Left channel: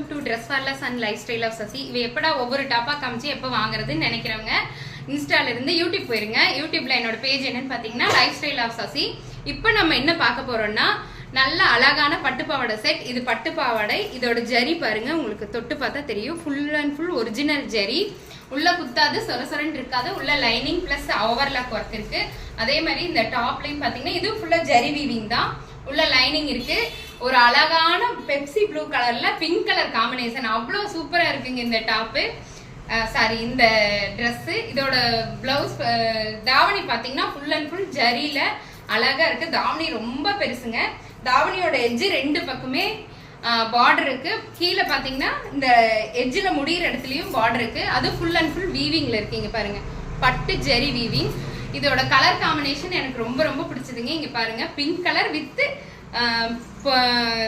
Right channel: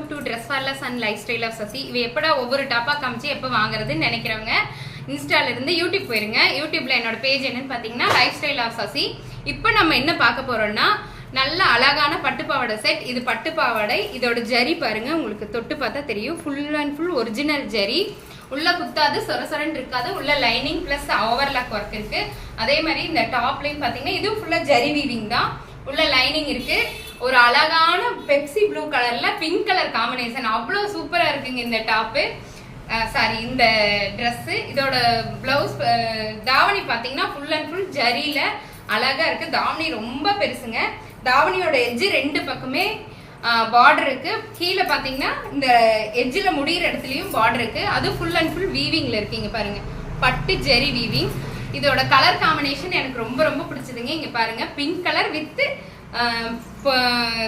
Welcome to dress for less and lifestyle of Sasi. இவ எப்படா ஒவ்வொரு டாப்பா காமிச்சு எப்போ வாங்குறதுன்னு நினைக்கிறவங்க இன்ஸ்டால இருந்து யூடியூப் போயிருங்க. யூடியூப்ல என்னோட பேஜ் என்னன்னு பாத்தீங்கன்னா லைஃப் ஸ்டைல் ஆஃப் சசி. இப்போ நம்ம என்ன பார்க்க போறோம்னா நல்ல அழகான பட்டுப்பாவாடை செட். இது பட்டுப்பாவாடை, இதோட ஜரி பாருங்க, உங்களுக்கு தொட்டு பார்த்தா தெரியும். Full and full original zari, உள்ள குத்தாது, சொரசொரன்னு இருக்காது. உள்ள லைனிங் பிளஸ் ஓவர்லாக் ஒர்க் இருக்கு. அதே மாதிரி இந்த டாப்லையும் பாத்தீங்கன்னா இது ஃபுல்லா ஜரி வீவிங் தான். உள்ள லைனிங் இருக்கு. ஒரு அழகான பெப்சி ப்ளூ கலர்ல பிங்க் கலர் காம்பினேஷன், அவ்வளோ சூப்பரா இருக்குங்க இந்த டாப்பு. சாரி, இந்த ட்ரெஸ். இதோட பிளவுஸ் தாவணி பாத்தீங்கன்னா ஃபுல் அண்ட் ஃபுல் ஜரியில அழகா இருக்கு. தாவணி ரொம்ப பெருசுங்க. தாவணியோட எட்ஜ் ரெண்டு பக்கமே பார்டர் இருக்கு. கீழே பாத்தீங்கன்னா இந்த எட்ஜில் முடிகிற இடத்துலயும் பார்டர் இருக்கு. அது ஃபுல் அண்ட் ஃபுல் வீவிங்ல இருக்குங்க பாருங்க, பட்டு ஜெரி வீவிங். இதோட கலர் காம்பினேஷன் எனக்கு ரொம்ப ரொம்ப பிடிச்சதுங்க. இங்க பாருங்க, பிங்க் கலர் வித்